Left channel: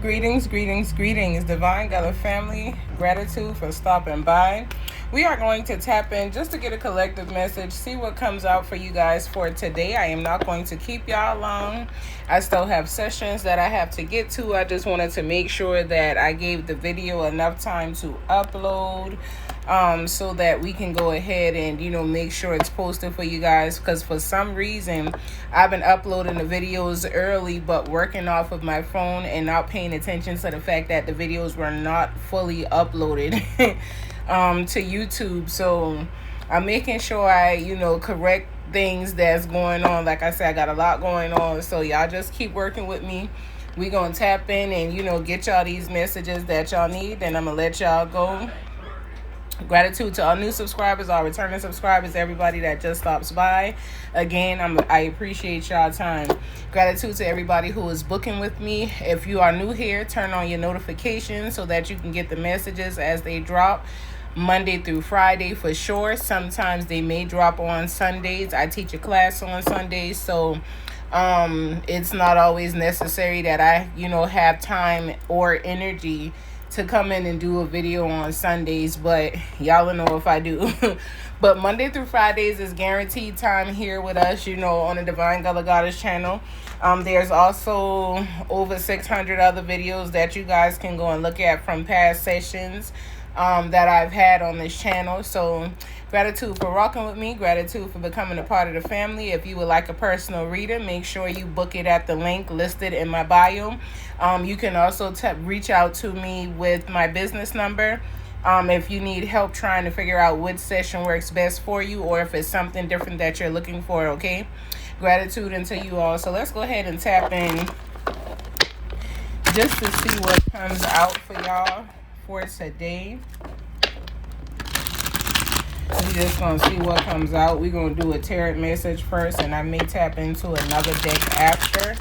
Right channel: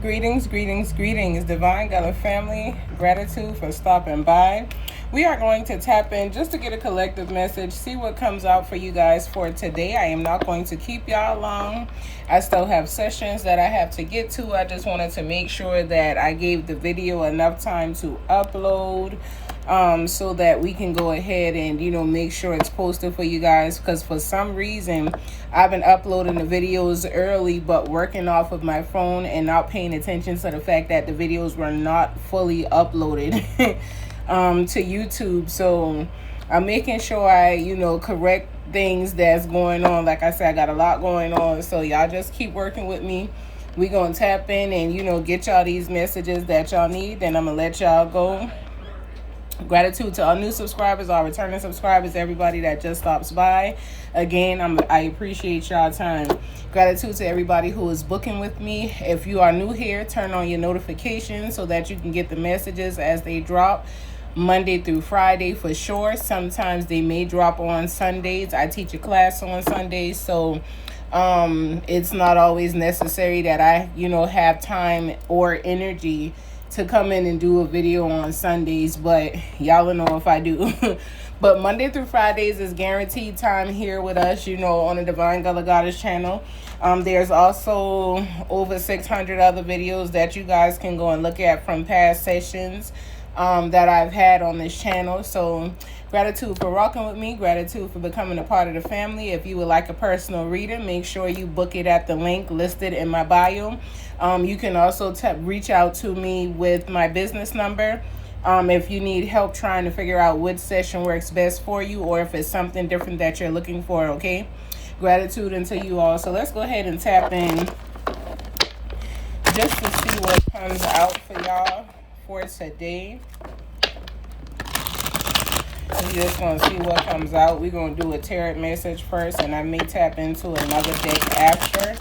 Greetings, greetings, greetings, Divine Gala family. Gratitude for stopping by. We are going to tap in just to get a collective message, see what comes out for you guys for today. I am not going to keep y'all long. I still have sessions that I have to get to. I just wanted to make sure that I gave the video enough time to upload. So that we can go ahead and, make sure it's posted for you guys. Because for some reason, I've been uploading the videos early, but working off of my phone and not paying attention to the fact that the videos were not fully uploaded to YouTube. So I'm making sure I, correct things that's going on. Like I said, I got a lot going on. So y'all just keep working with me. We're going to tap in and, get y'all these messages that y'all need. And I'm going to let y'all go. Gratitude to all new subscribers, all returning subscribers, everybody that just stops by. Again, I appreciate y'all time. Gratitude to everybody who is booking with me. If you are new here, turn on your notifications so that you can get the messages as they drop Monday through Friday for sure. Sometimes they may drop on Sundays. I teach a class on Sundays, so it's not always necessary that I, have time or energy to come in and do a video on Sundays, but y'all will know if I do. But Monday through Fridays is guaranteed time here with us, on the Divine Gala Goddess channel. There's also over 600 other videos that you guys can go and look at from past sessions that I've had on this channel. So gratitude for rocking with me. Gratitude for becoming a part of the family. If you would like a personal reader, make sure you book it at the link listed in my bio. You can also reach out to me with my business number if you need help trying to figure out which session works best for you, or if it's something different that you're looking for, okay? Gratitude into you all. So let's go ahead and tap in just to see what comes out for y'all for today. We're just going to see what comes out. We're going to do a tarot message first, and I may tap into another deck after.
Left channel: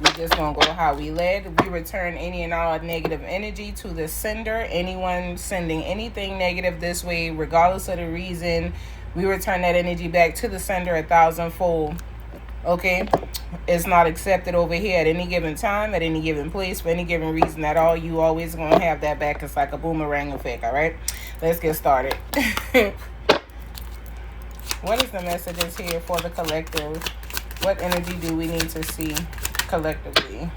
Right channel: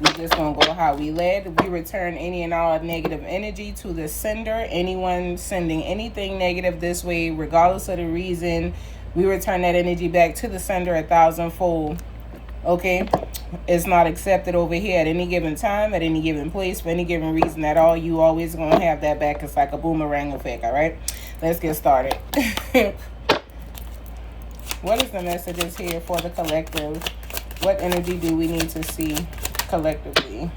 We're just going to go how we led. We return any and all negative energy to the sender. Anyone sending anything negative this way, regardless of the reason, we return that energy back to the sender 1,000-fold. Okay? It's not accepted over here at any given time, at any given place, for any given reason at all. You always going to have that back. It's like a boomerang effect, all right? Let's get started. What is the messages here for the collective? What energy do we need to see collectively?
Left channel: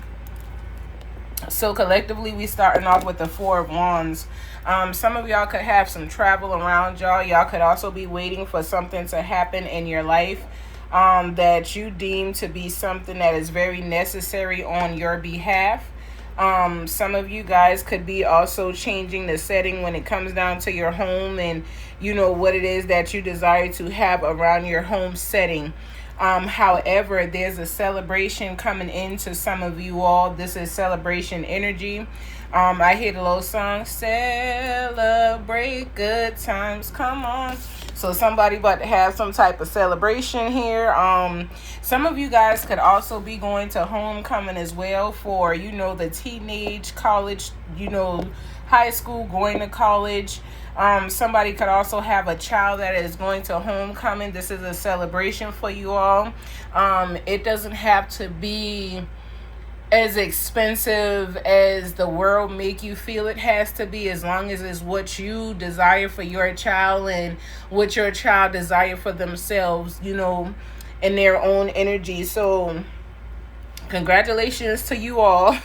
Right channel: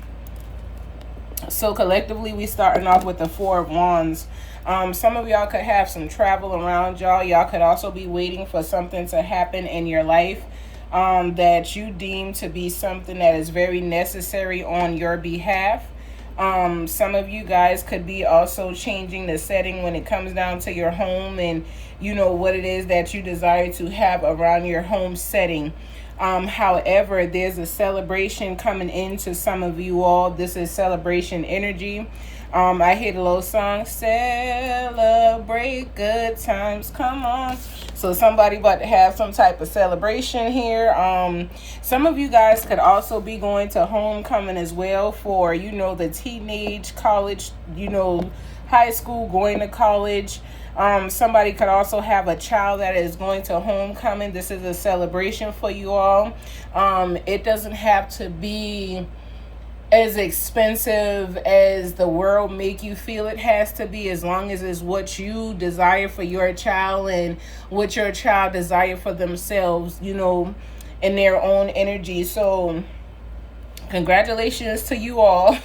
So collectively, we starting off with the Four of Wands. Some of y'all could have some travel around y'all. Y'all could also be waiting for something to happen in your life that you deem to be something that is very necessary on your behalf. Some of you guys could be also changing the setting when it comes down to your home and what it is that you desire to have around your home setting. However, there's a celebration coming into some of you all. This is celebration energy. I hear the little song, celebrate good times, come on. So somebody about to have some type of celebration here. Some of you guys could also be going to homecoming as well for, the teenage, college, high school, going to college. Somebody could also have a child that is going to homecoming. This is a celebration for you all. It doesn't have to be as expensive as the world make you feel it has to be, as long as it's what you desire for your child and what your child desire for themselves, in their own energy. So congratulations to you all.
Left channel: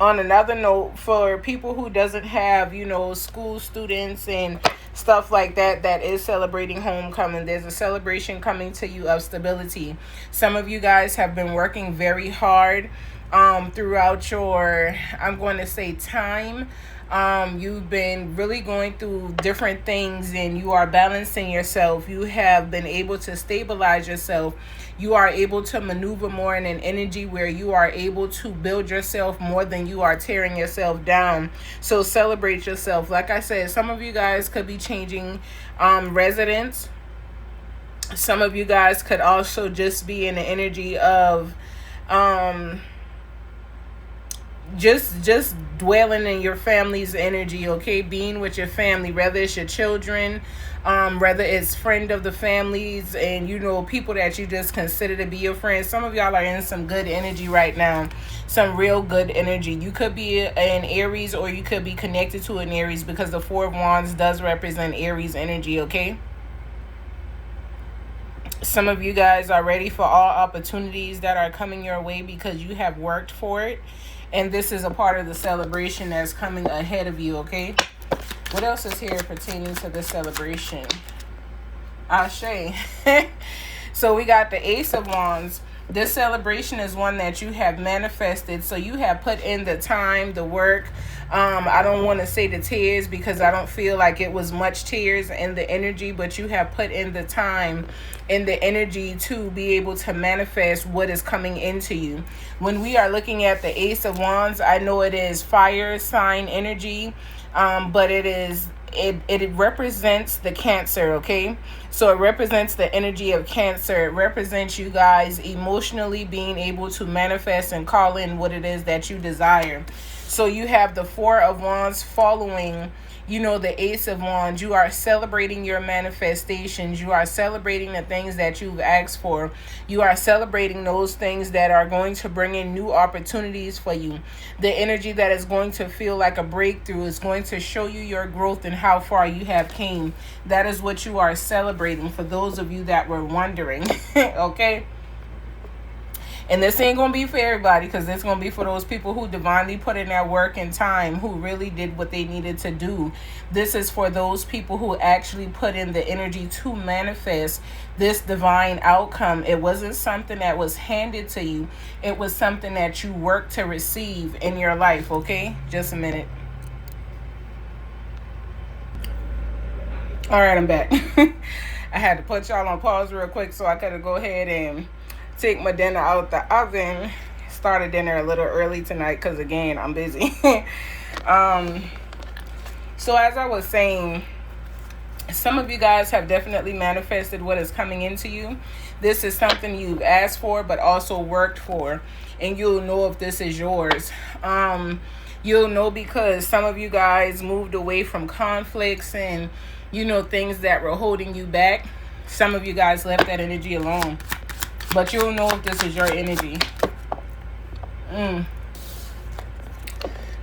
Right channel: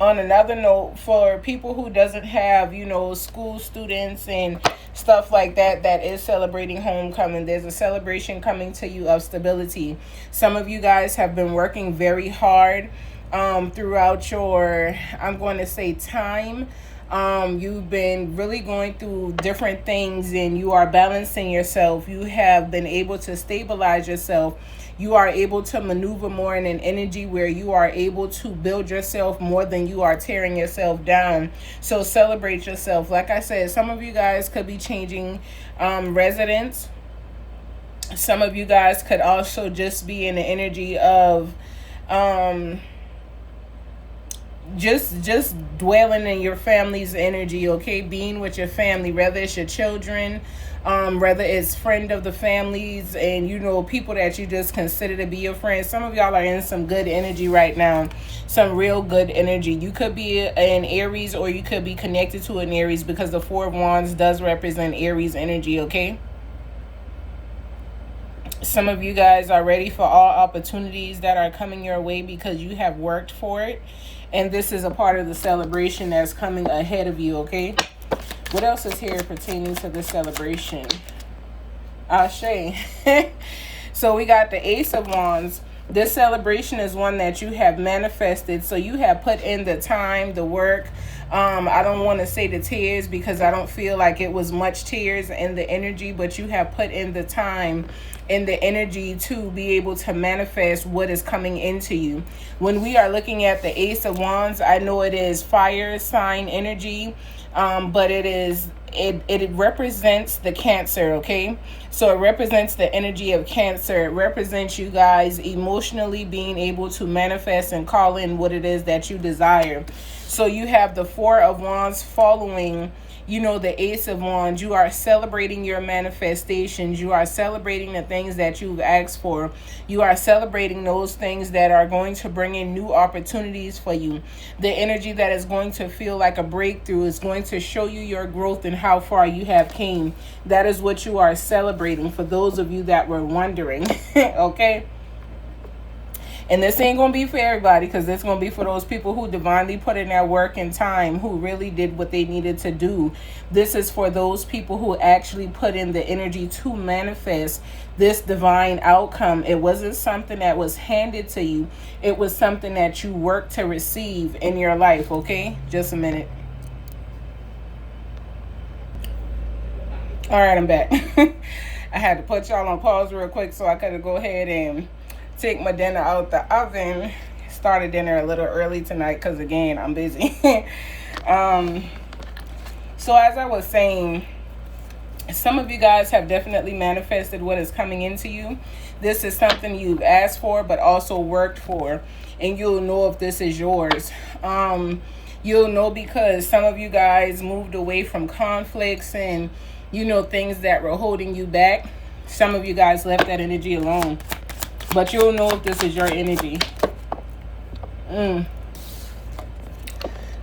On another note, for people who doesn't have, school students and stuff like that, that is celebrating homecoming, there's a celebration coming to you of stability. Some of you guys have been working very hard throughout your, I'm going to say, time. You've been really going through different things and you are balancing yourself. You have been able to stabilize yourself. You are able to maneuver more in an energy where you are able to build yourself more than you are tearing yourself down. So celebrate yourself. Like I said, some of you guys could be changing residence. Some of you guys could also just be in the energy of just dwelling in your family's energy, okay? Being with your family, whether it's your children, whether it's friend of the families and, you know, people that you just consider to be your friends. Some of y'all are in some good energy right now, some real good energy. You could be an Aries, or you could be connected to an Aries, because the Four of Wands does represent Aries energy, okay? Some of you guys are ready for all opportunities that are coming your way because you have worked for it. And this is a part of the celebration that's coming ahead of you, okay? What else is here pertaining to this celebration? Ashe. So we got the Ace of Wands. This celebration is one that you have manifested. So you have put in the time, the work. I don't want to say the tears, because I don't feel like it was much tears in the energy, but you have put in the time and the energy to be able to manifest what is coming into you. When we are looking at the Ace of Wands, I know it is fire sign energy, but it represents the Cancer, okay? So it represents the energy of Cancer. It represents you guys emotionally being able to manifest and call in what it is that you desire. So you have the Four of Wands following, you know, the Ace of Wands. You are celebrating your manifestations. You are celebrating the things that you've asked for. You are celebrating those things that are going to bring in new opportunities for you. The energy that is going to feel like a breakthrough is going to show you your growth and how far you have came. That is what you are celebrating, for those of you that were wondering, okay? And this ain't going to be for everybody, because it's going to be for those people who divinely put in their work and time, who really did what they needed to do. This is for those people who actually put in the energy to manifest this divine outcome. It wasn't something that was handed to you. It was something that you worked to receive in your life, okay? Just a minute. All right, I'm back. I had to put y'all on pause real quick so I could go ahead and take my dinner out the oven. Started dinner a little early tonight because, again, I'm busy. So as I was saying, some of you guys have definitely manifested what is coming into you. This is something you've asked for but also worked for, and you'll know if this is yours. You'll know because some of you guys moved away from conflicts and, you know, things that were holding you back. Some of you guys left that energy alone. But you'll know if this is your energy.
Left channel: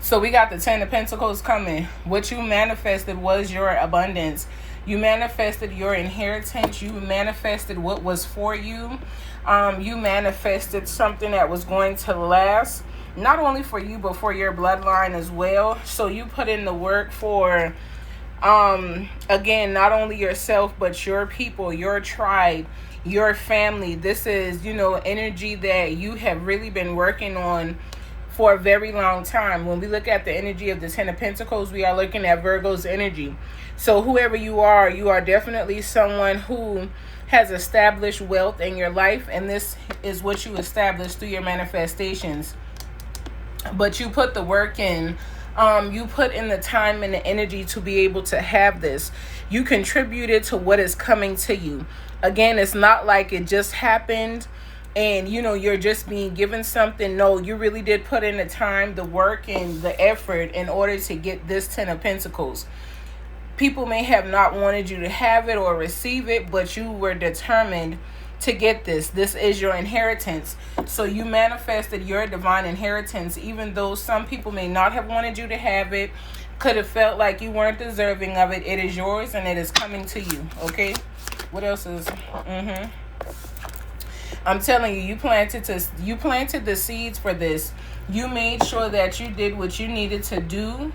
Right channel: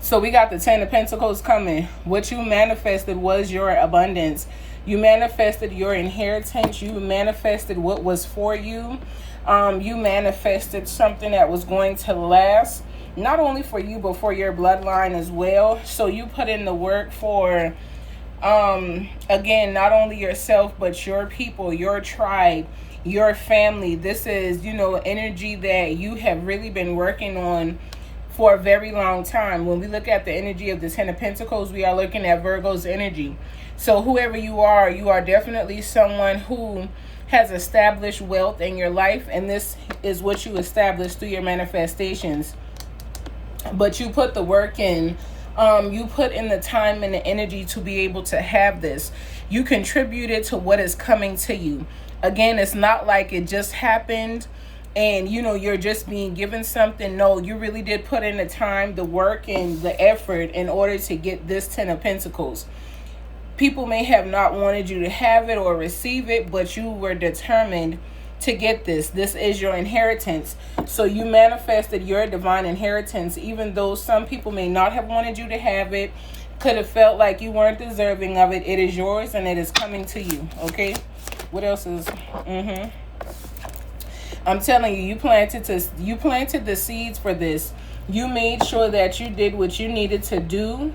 So we got the Ten of Pentacles coming. What you manifested was your abundance. You manifested your inheritance. You manifested what was for you. You manifested something that was going to last. Not only for you, but for your bloodline as well. So you put in the work for, again, not only yourself, but your people, your tribe, your family. This is, you know, energy that you have really been working on for a very long time. When we look at the energy of the Ten of Pentacles, we are looking at Virgo's energy. So whoever you are definitely someone who has established wealth in your life, and this is what you established through your manifestations. But you put the work in. You put in the time and the energy to be able to have this. You contributed to what is coming to you. Again, it's not like it just happened and, you know, you're just being given something. No, you really did put in the time, the work, and the effort in order to get this Ten of Pentacles. People may have not wanted you to have it or receive it, but you were determined to get this. This is your inheritance. So you manifested your divine inheritance, even though some people may not have wanted you to have it, could have felt like you weren't deserving of it. It is yours and it is coming to you, okay? What else is I'm telling you, you planted the seeds for this. You made sure that you did what you needed to do,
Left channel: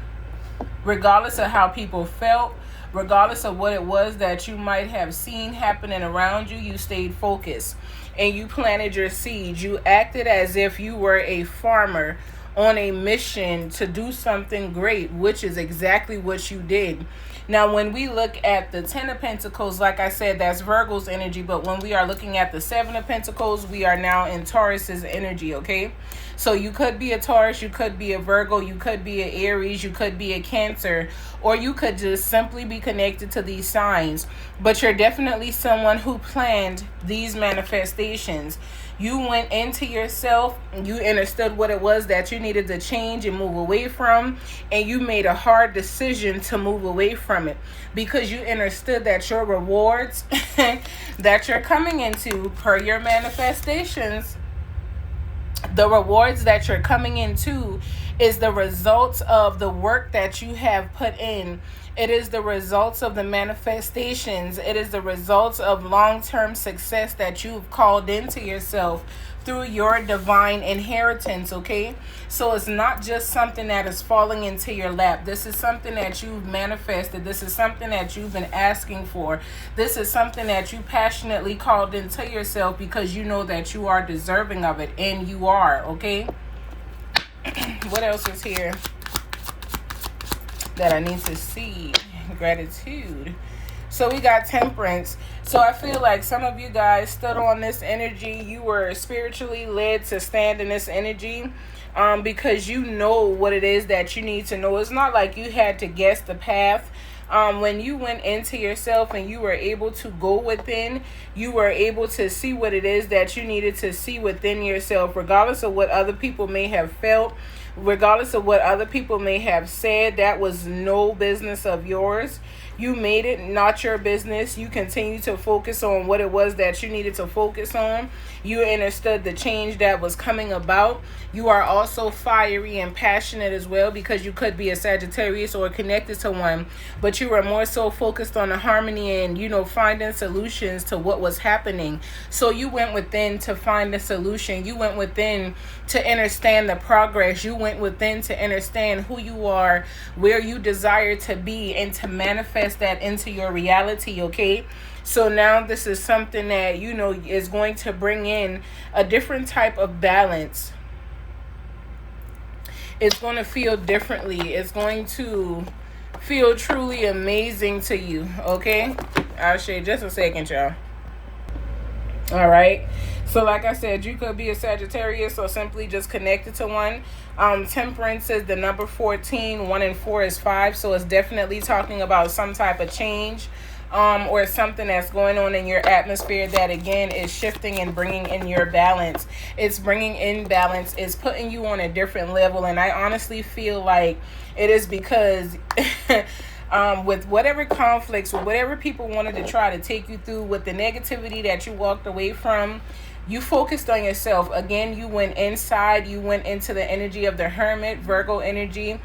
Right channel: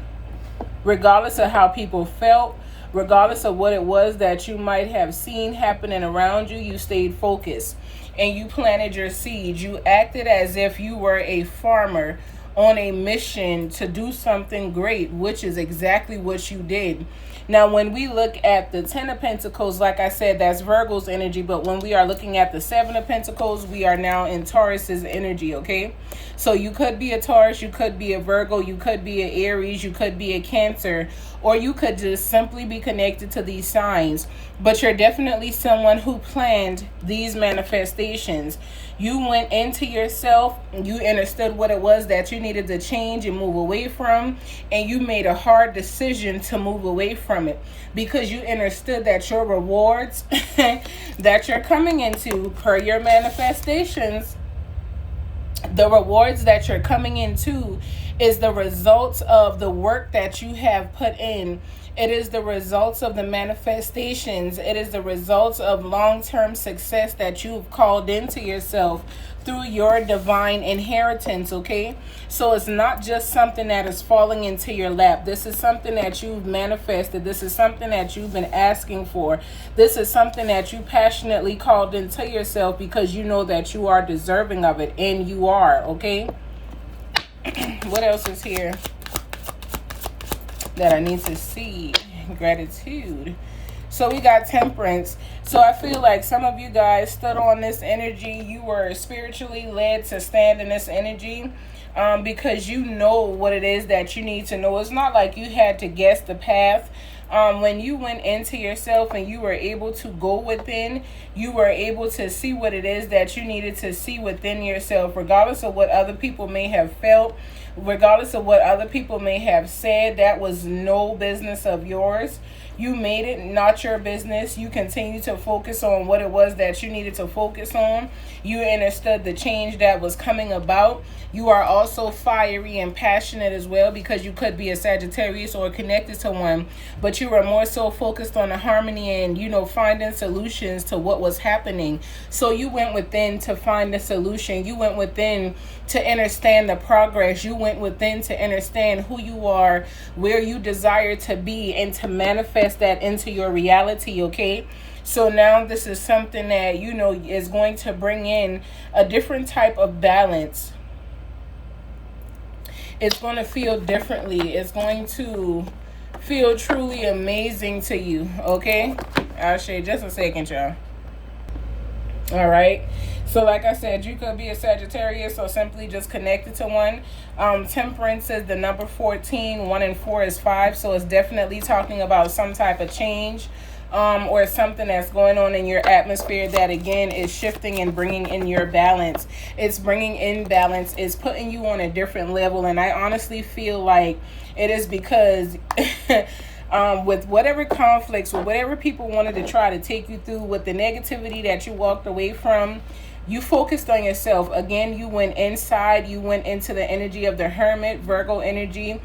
regardless of how people felt, regardless of what it was that you might have seen happening around you. You stayed focused and you planted your seeds. You acted as if you were a farmer on a mission to do something great, which is exactly what you did. Now, when we look at the Ten of Pentacles, like I said, that's Virgo's energy. But when we are looking at the Seven of Pentacles, we are now in Taurus's energy, okay? So you could be a Taurus, you could be a Virgo, you could be an Aries, you could be a Cancer, or you could just simply be connected to these signs. But you're definitely someone who planned these manifestations. You went into yourself, you understood what it was that you needed to change and move away from, and you made a hard decision to move away from it because you understood that your rewards that you're coming into per your manifestations, the rewards that you're coming into is the results of the work that you have put in. It is the results of the manifestations. It is the results of long-term success that you've called into yourself through your divine inheritance, okay? So it's not just something that is falling into your lap. This is something that you've manifested. This is something that you've been asking for. This is something that you passionately called into yourself because you know that you are deserving of it, and you are, okay? What else is here that I need to see? Gratitude. So we got temperance. So I feel like some of you guys stood on this energy. You were spiritually led to stand in this energy because you know what it is that you need to know. It's not like you had to guess the path. When you went into yourself and you were able to go within, you were able to see what it is that you needed to see within yourself, regardless of what other people may have felt, regardless of what other people may have said. That was no business of yours. You made it not your business. You continue to focus on what it was that you needed to focus on. You understood the change that was coming about. You are also fiery and passionate as well, because you could be a Sagittarius or connected to one, but you were more so focused on the harmony and, you know, finding solutions to what was happening. So you went within to find the solution. You went within to understand the progress. You went within to understand who you are, where you desire to be, and to manifest that into your reality, okay? So now this is something that, you know, is going to bring in a different type of balance. It's going to feel differently. It's going to feel truly amazing to you, okay? I'll show you just a second, y'all. All right. So like I said, you could be a Sagittarius or simply just connected to one. Temperance is the number 14. 1 and 4 is 5. So it's definitely talking about some type of change or something that's going on in your atmosphere that, again, is shifting and bringing in your balance. It's bringing in balance. It's putting you on a different level. And I honestly feel like it is because with whatever conflicts, with whatever people wanted to try to take you through, with the negativity that you walked away from, you focused on yourself. Again, you went inside. You went into the energy of the Hermit, Virgo energy,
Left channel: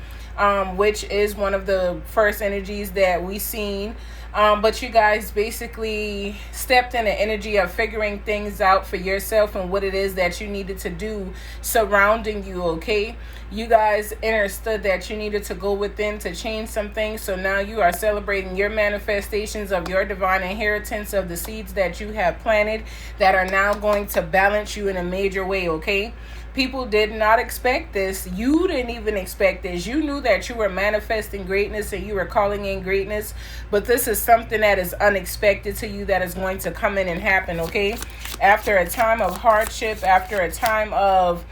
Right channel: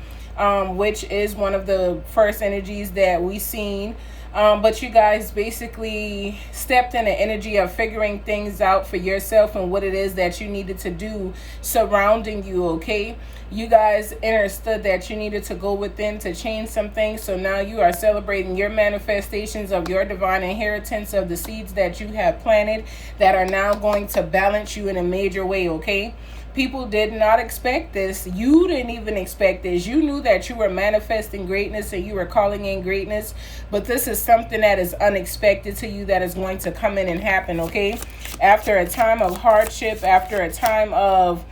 which is one of the first energies that we seen. But you guys basically stepped in the energy of figuring things out for yourself and what it is that you needed to do surrounding you, okay? You guys understood that you needed to go within to change some things. So now you are celebrating your manifestations of your divine inheritance, of the seeds that you have planted that are now going to balance you in a major way, okay? People did not expect this. You didn't even expect this. You knew that you were manifesting greatness and you were calling in greatness, but this is something that is unexpected to you that is going to come in and happen, okay? After a time of hardship, after a time of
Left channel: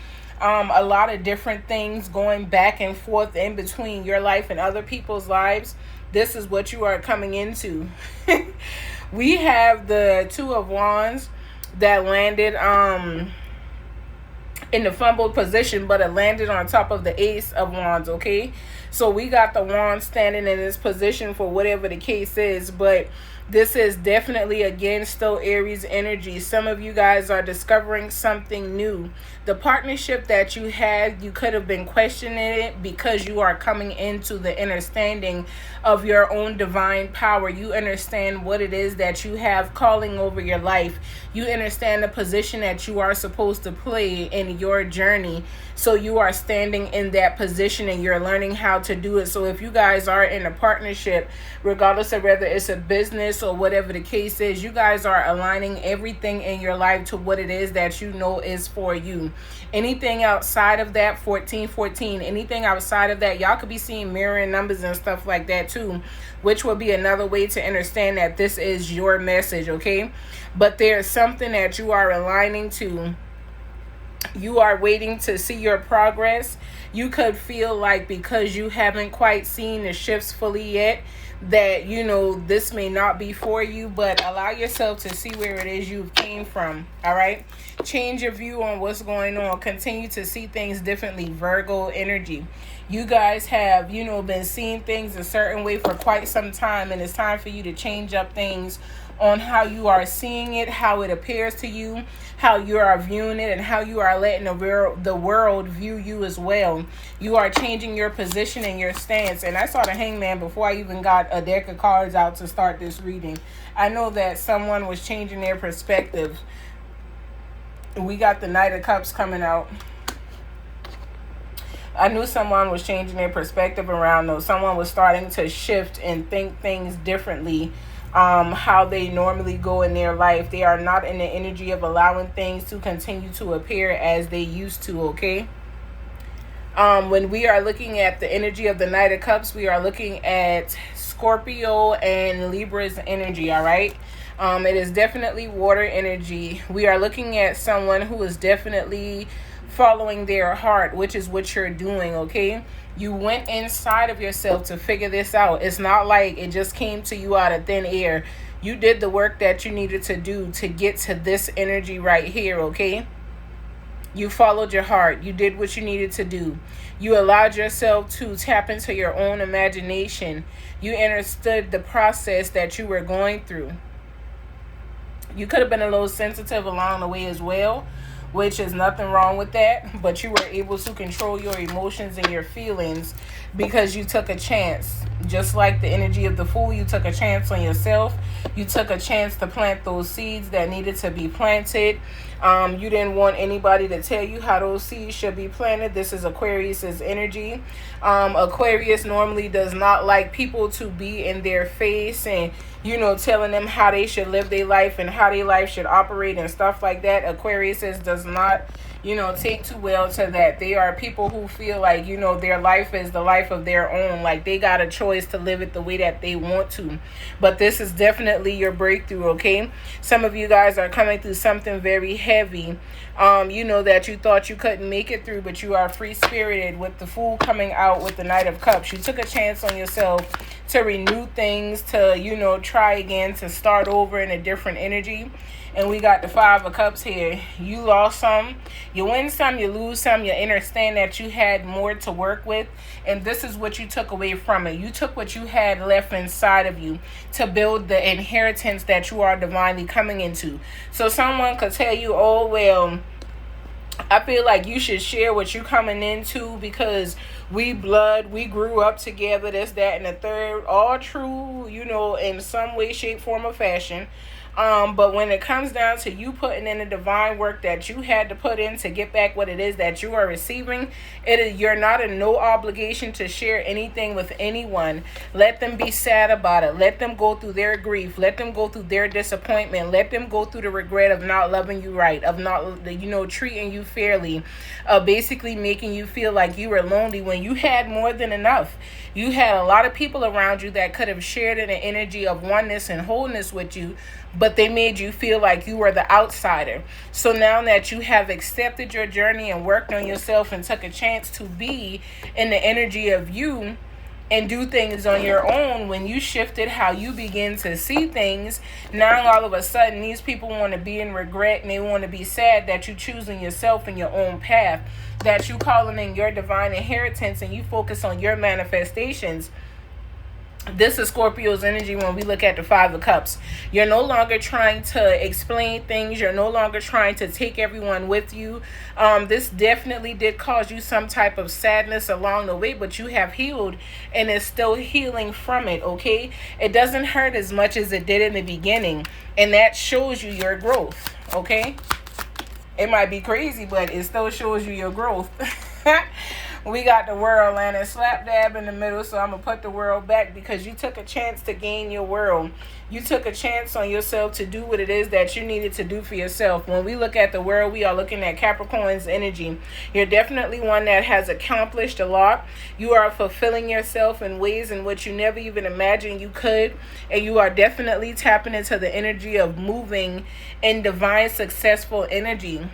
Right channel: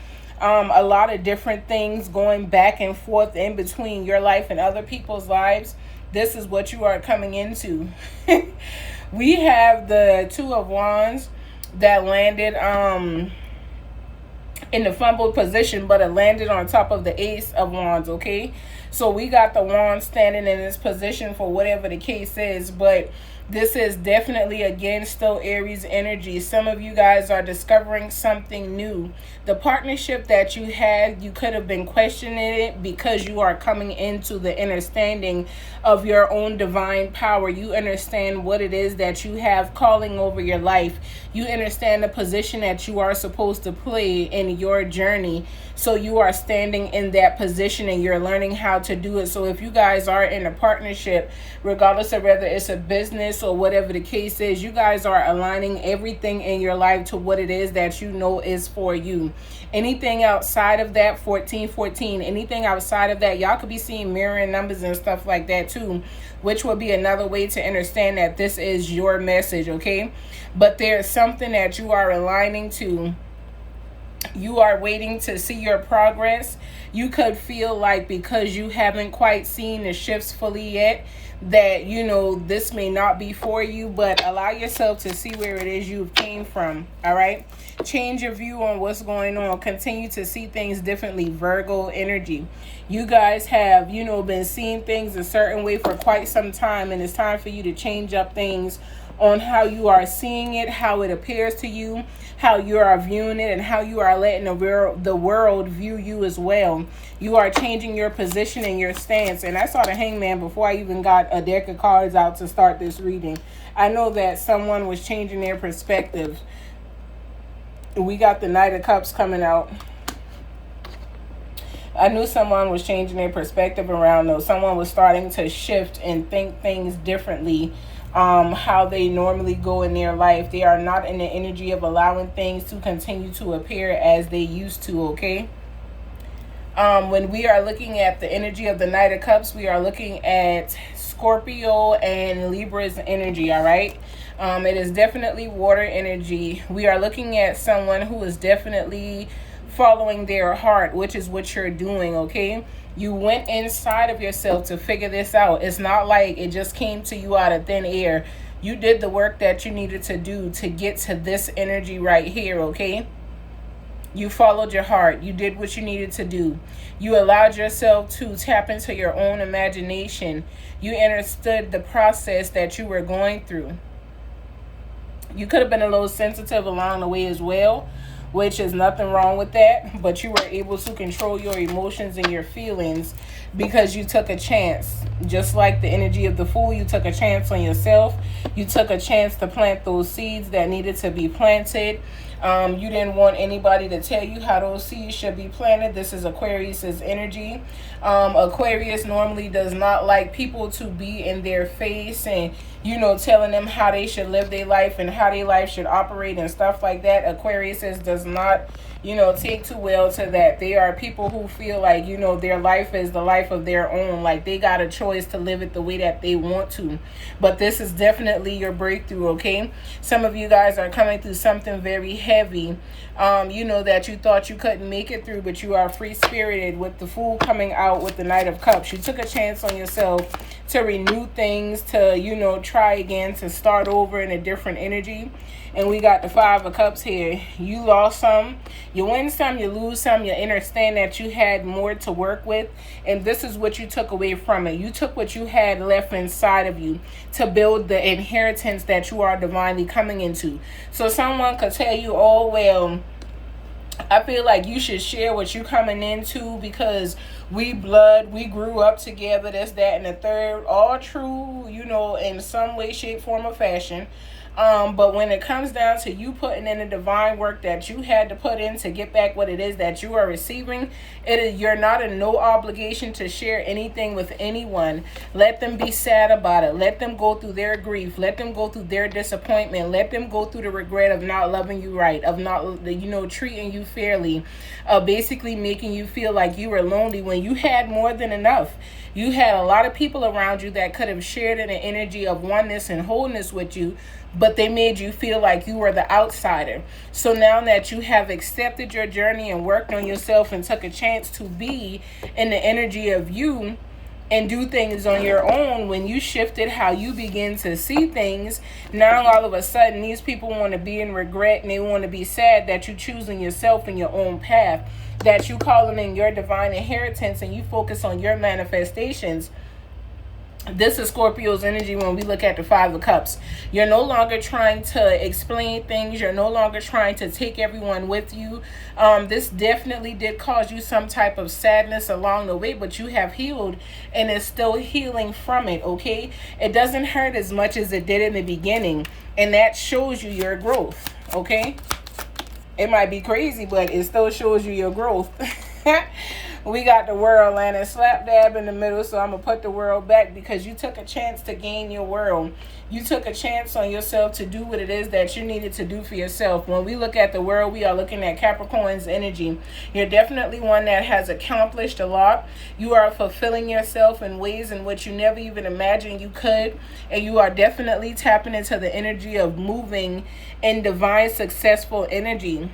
a lot of different things going back and forth in between your life and other people's lives, this is what you are coming into. We have the Two of Wands that landed in the fumbled position, but it landed on top of the Ace of Wands, okay? So we got the Wand standing in this position for whatever the case is, but this is definitely, again, still Aries energy. Some of you guys are discovering something new. The partnership that you had, you could have been questioning it because you are coming into the understanding of your own divine power. You understand what it is that you have calling over your life. You understand the position that you are supposed to play in your journey. So you are standing in that position and you're learning how to do it. So if you guys are in a partnership, regardless of whether it's a business or whatever the case is, you guys are aligning everything in your life to what it is that you know is for you. Anything outside of that, 1414, anything outside of that, y'all could be seeing mirroring numbers and stuff like that too, which will be another way to understand that this is your message, okay? But there's something that you are aligning to You are waiting to see your progress. You could feel like because you haven't quite seen the shifts fully yet, that this may not be for you, but allow yourself to see where it is you came from. All right, change your view on what's going on. Continue to see things differently. Virgo energy, you guys have been seeing things a certain way for quite some time, and it's time for you to change up things on how you are seeing it, how it appears to you, how you are viewing it, and how you are letting the world view you as well. You are changing your position and your stance. And I saw the Hangman before I even got a deck of cards out to start this reading. I know that someone was changing their perspective. We got the Knight of Cups coming out. I knew someone was changing their perspective around those. Someone was starting to shift and think things differently. How they normally go in their life. They are not in the energy of allowing things to continue to appear as they used to, okay? When we are looking at the energy of the Knight of Cups, we are looking at Scorpio and Libra's energy, all right? It is definitely water energy. We are looking at someone who is definitely following their heart, which is what you're doing, okay? You went inside of yourself to figure this out. It's not like it just came to you out of thin air. You did the work that you needed to do to get to this energy right here, okay? You followed your heart. You did what you needed to do. You allowed yourself to tap into your own imagination. You understood the process that you were going through. You could have been a little sensitive along the way as well, which is nothing wrong with that, but you were able to control your emotions and your feelings because you took a chance. Just like the energy of the Fool, you took a chance on yourself. You took a chance to plant those seeds that needed to be planted. You didn't want anybody to tell you how those seeds should be planted. This is Aquarius's energy. Aquarius normally does not like people to be in their face and telling them how they should live their life and how their life should operate and stuff like that. Aquarius does not take too well to that. They are people who feel like, their life is the life of their own. Like they got a choice to live it the way that they want to. But this is definitely your breakthrough, okay? Some of you guys are coming through something very heavy, that you thought you couldn't make it through, but you are free-spirited with the Fool coming out with the Knight of Cups. You took a chance on yourself to renew things, to, try again, to start over in a different energy. And we got the Five of Cups here. You lost some, you win some, you lose some. You understand that you had more to work with. And this is what you took away from it. You took what you had left inside of you to build the inheritance that you are divinely coming into. So someone could tell you, oh, well, I feel like you should share what you're coming into because we grew up together, this, that, and the third. All true, in some way, shape, form, or fashion. But when it comes down to you putting in the divine work that you had to put in to get back what it is that you are receiving, you're not in no obligation to share anything with anyone. Let them be sad about it. Let them go through their grief. Let them go through their disappointment. Let them go through the regret of not loving you right, of not, treating you fairly, of basically making you feel like you were lonely when you had more than enough. You had a lot of people around you that could have shared in an energy of oneness and wholeness with you, but they made you feel like you were the outsider. So now that you have accepted your journey and worked on yourself and took a chance to be in the energy of you and do things on your own, when you shifted how you begin to see things, now all of a sudden these people want to be in regret and they want to be sad that you choosing yourself in your own path, that you calling in your divine inheritance and you focus on your manifestations. This is Scorpio's energy when we look at the Five of Cups. You're no longer trying to explain things. You're no longer trying to take everyone with you. This definitely did cause you some type of sadness along the way, but you have healed and is still healing from it, okay? It doesn't hurt as much as it did in the beginning, and that shows you your growth, okay? It might be crazy, but it still shows you your growth. We got the World landing slap dab in the middle, so I'm going to put the World back because you took a chance to gain your world. You took a chance on yourself to do what it is that you needed to do for yourself. When we look at the World, we are looking at Capricorn's energy. You're definitely one that has accomplished a lot. You are fulfilling yourself in ways in which you never even imagined you could. And you are definitely tapping into the energy of moving in divine, successful energy.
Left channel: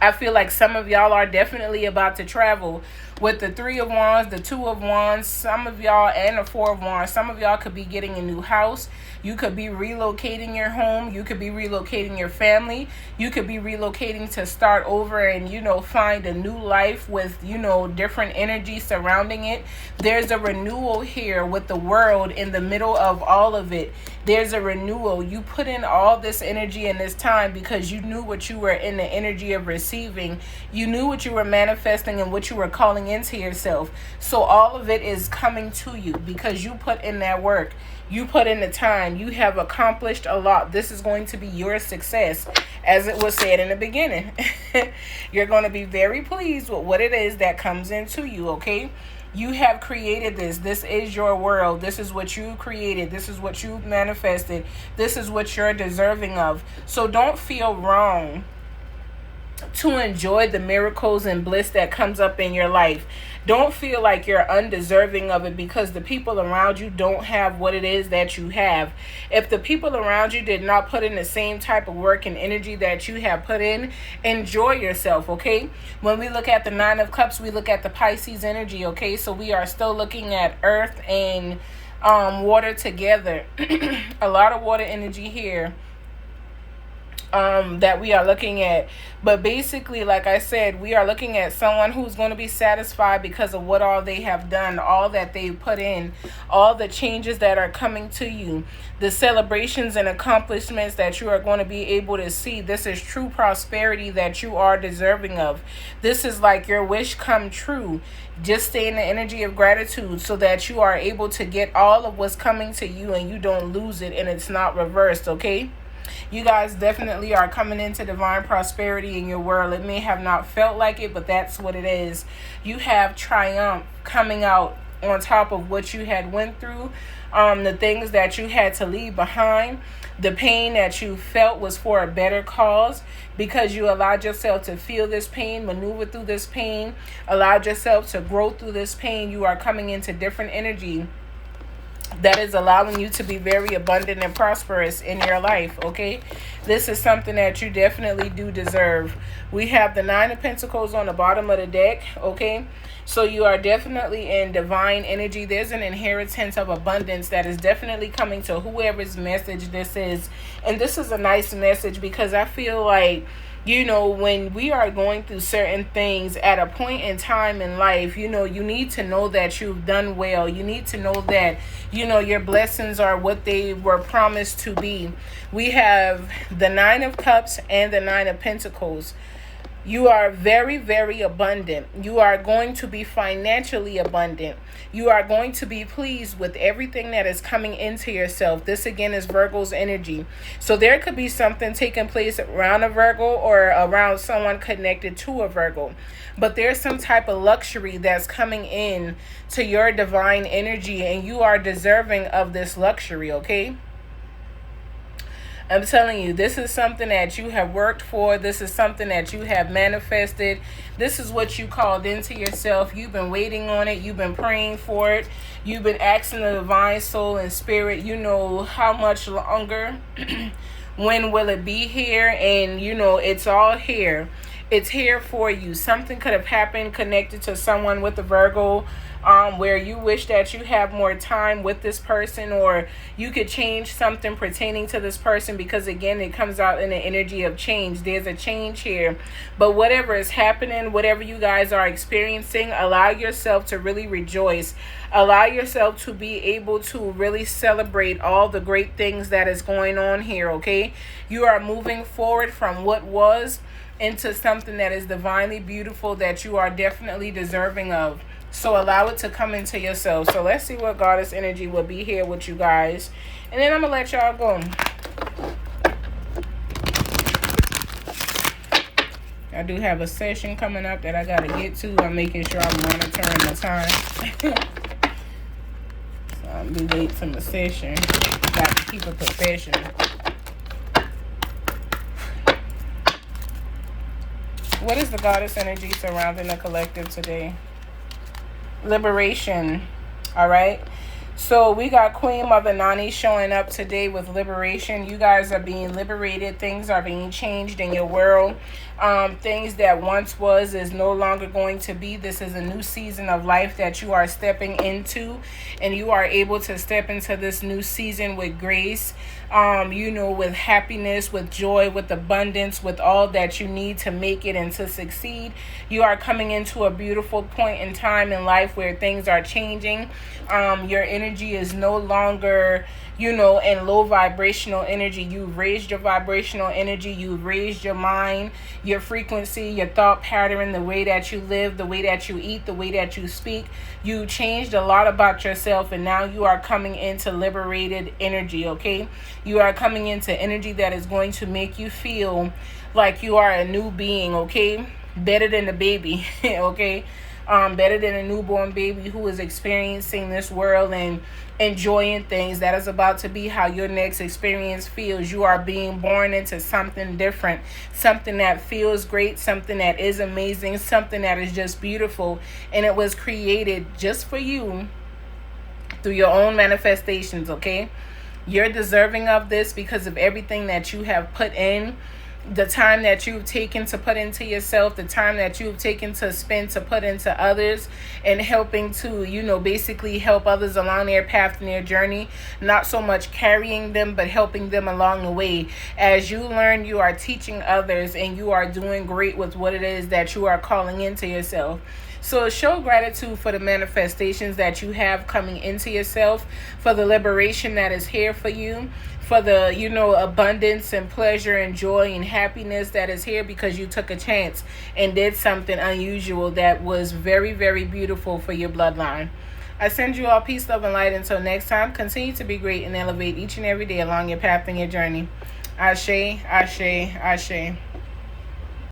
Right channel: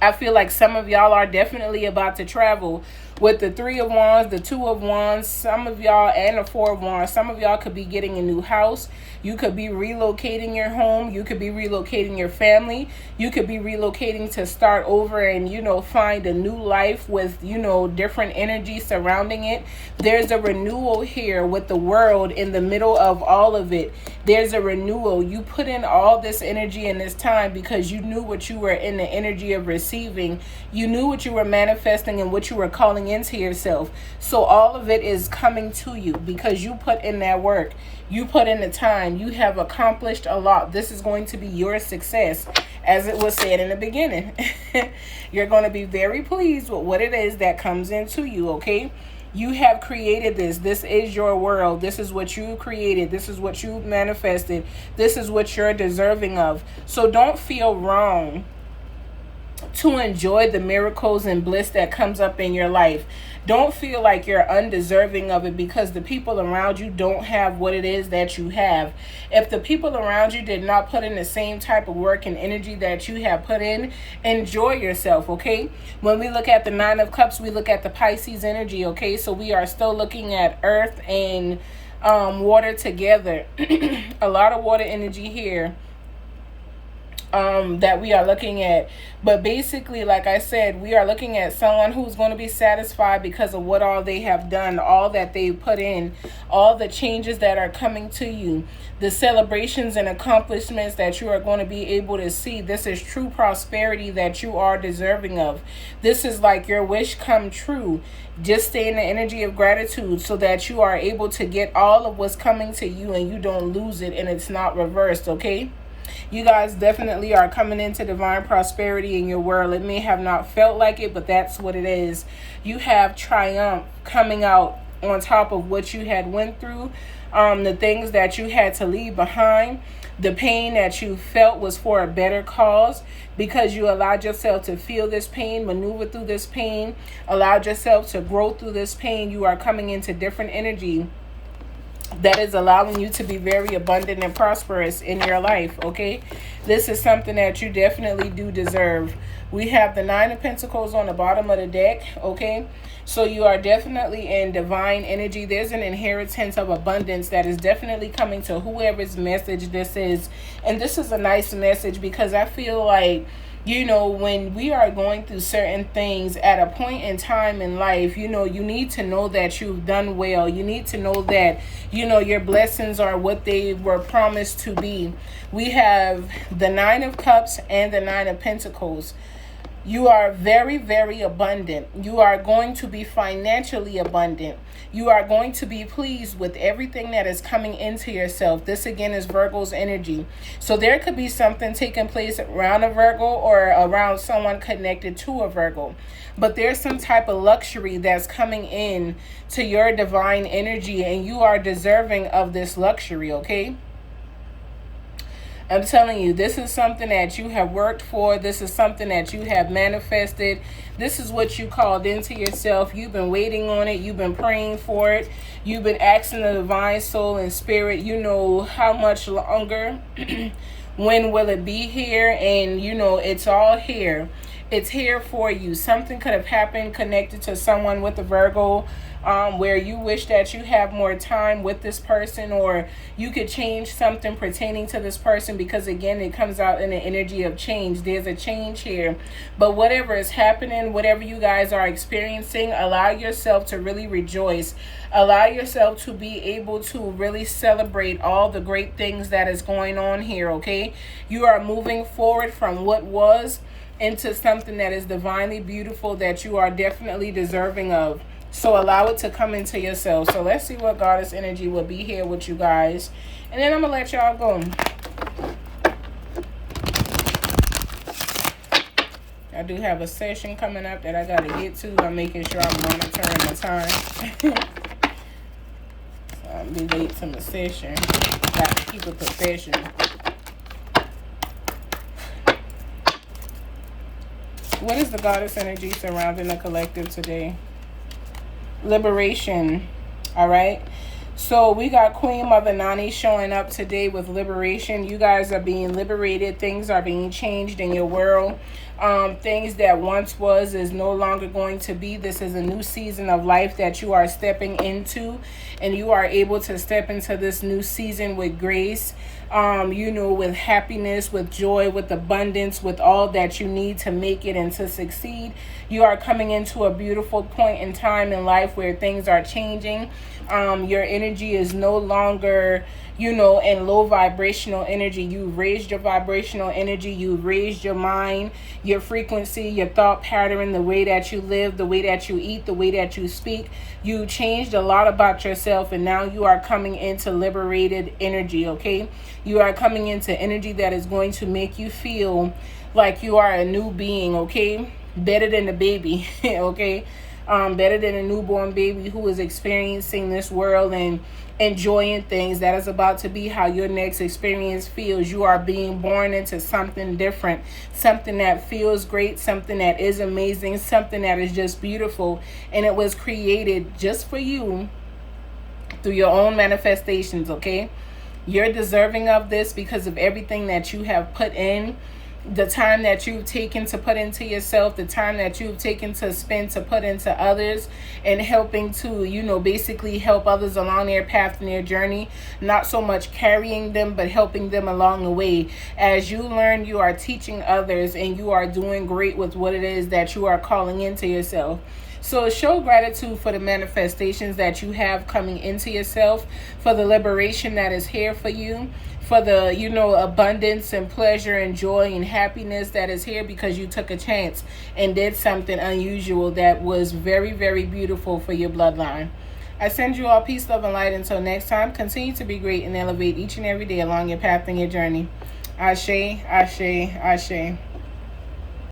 I feel like some of y'all are definitely about to travel. With the 3 of Wands, the 2 of Wands, some of y'all, and the 4 of Wands, some of y'all could be getting a new house. You could be relocating your home. You could be relocating your family. You could be relocating to start over and, you know, find a new life with, you know, different energy surrounding it. There's a renewal here with the world in the middle of all of it. There's a renewal. You put in all this energy in this time because you knew what you were in the energy of receiving. You knew what you were manifesting and what you were calling into yourself. So all of it is coming to you because you put in that work. You put in the time. You have accomplished a lot. This is going to be your success. As it was said in the beginning, you're going to be very pleased with what it is that comes into you, okay? You have created this. This is your world. This is what you created. This is what you manifested. This is what you're deserving of. So don't feel wrong to enjoy the miracles and bliss that comes up in your life. Don't feel like you're undeserving of it because the people around you don't have what it is that you have. If the people around you did not put in the same type of work and energy that you have put in, enjoy yourself, okay? When we look at the 9 of Cups, we look at the Pisces energy, okay? So we are still looking at earth and water together. A lot of water energy here that we are looking at. But basically, like I said, we are looking at someone who's going to be satisfied because of what all they have done, all that they've put in, all the changes that are coming to you, the celebrations and accomplishments that you are going to be able to see. This is true prosperity that you are deserving of. This is like your wish come true. Just stay in the energy of gratitude so that you are able to get all of what's coming to you and you don't lose it and it's not reversed, okay? You guys definitely are coming into divine prosperity in your world. It may have not felt like it, but that's what it is. You have triumph coming out on top of what you had went through, the things that you had to leave behind. The pain that you felt was for a better cause because you allowed yourself to feel this pain, maneuver through this pain, allowed yourself to grow through this pain. You are coming into different energy that is allowing you to be very abundant and prosperous in your life, okay? This is something that you definitely do deserve. We have the 9 of Pentacles on the bottom of the deck, okay? So you are definitely in divine energy. There's an inheritance of abundance that is definitely coming to whoever's message this is. And this is a nice message because I feel like, you know, when we are going through certain things at a point in time in life, you know, you need to know that you've done well. You need to know that, you know, your blessings are what they were promised to be. We have the 9 of Cups and the 9 of Pentacles. You are very, very abundant. You are going to be financially abundant. You are going to be pleased with everything that is coming into yourself. This again is Virgo's energy. So there could be something taking place around a Virgo or around someone connected to a Virgo. But there's some type of luxury that's coming in to your divine energy and you are deserving of this luxury, okay? I'm telling you, this is something that you have worked for. This is something that you have manifested. This is what you called into yourself. You've been waiting on it. You've been praying for it. You've been asking the divine soul and spirit, you know, how much longer? When will it be here? And, you know, it's all here. It's here for you. Something could have happened connected to someone with a Virgo, where you wish that you have more time with this person, or you could change something pertaining to this person, because again, it comes out in the energy of change. There's a change here. But whatever is happening, whatever you guys are experiencing, allow yourself to really rejoice. Allow yourself to be able to really celebrate all the great things that is going on here, okay? You are moving forward from what was into something that is divinely beautiful that you are definitely deserving of. So allow it to come into yourself. So let's see what Goddess energy will be here with you guys. And then I'm going to let y'all go. I do have a session coming up that I got to get to. I'm making sure I'm monitoring the time. I'm do late from the session. Got to keep it professional. What is the Goddess energy surrounding the collective today? Liberation. All right, so we got Queen Mother Nani showing up today with liberation. You guys are being liberated. Things are being changed in your world. Things that once was is no longer going to be. This is a new season of life that you are stepping into, and you are able to step into this new season with grace, with happiness, with joy, with abundance, with all that you need to make it and to succeed. You are coming into a beautiful point in time in life where things are changing. Your energy is no longer in low vibrational energy. You've raised your vibrational energy. You've raised your mind, your frequency, your thought pattern, the way that you live, the way that you eat, the way that you speak. You changed a lot about yourself, and now you are coming into liberated energy, okay? You are coming into energy that is going to make you feel like you are a new being, okay? Better than a baby, okay? Better than a newborn baby who is experiencing this world and enjoying things. That is about to be how your next experience feels. You are being born into something different, something that feels great, something that is amazing, something that is just beautiful, and it was created just for you through your own manifestations, okay? You're deserving of this because of everything that you have put in, the time that you've taken to put into yourself, the time that you've taken to spend to put into others, and helping to, basically help others along their path and their journey. Not so much carrying them, but helping them along the way. As you learn, you are teaching others, and you are doing great with what it is that you are calling into yourself. So show gratitude for the manifestations that you have coming into yourself, for the liberation that is here for you, for the, abundance and pleasure and joy and happiness that is here because you took a chance and did something unusual that was very, very beautiful for your bloodline. I send you all peace, love, and light. Until next time, continue to be great and elevate each and every day along your path and your journey. Ashe, ashe, ashe.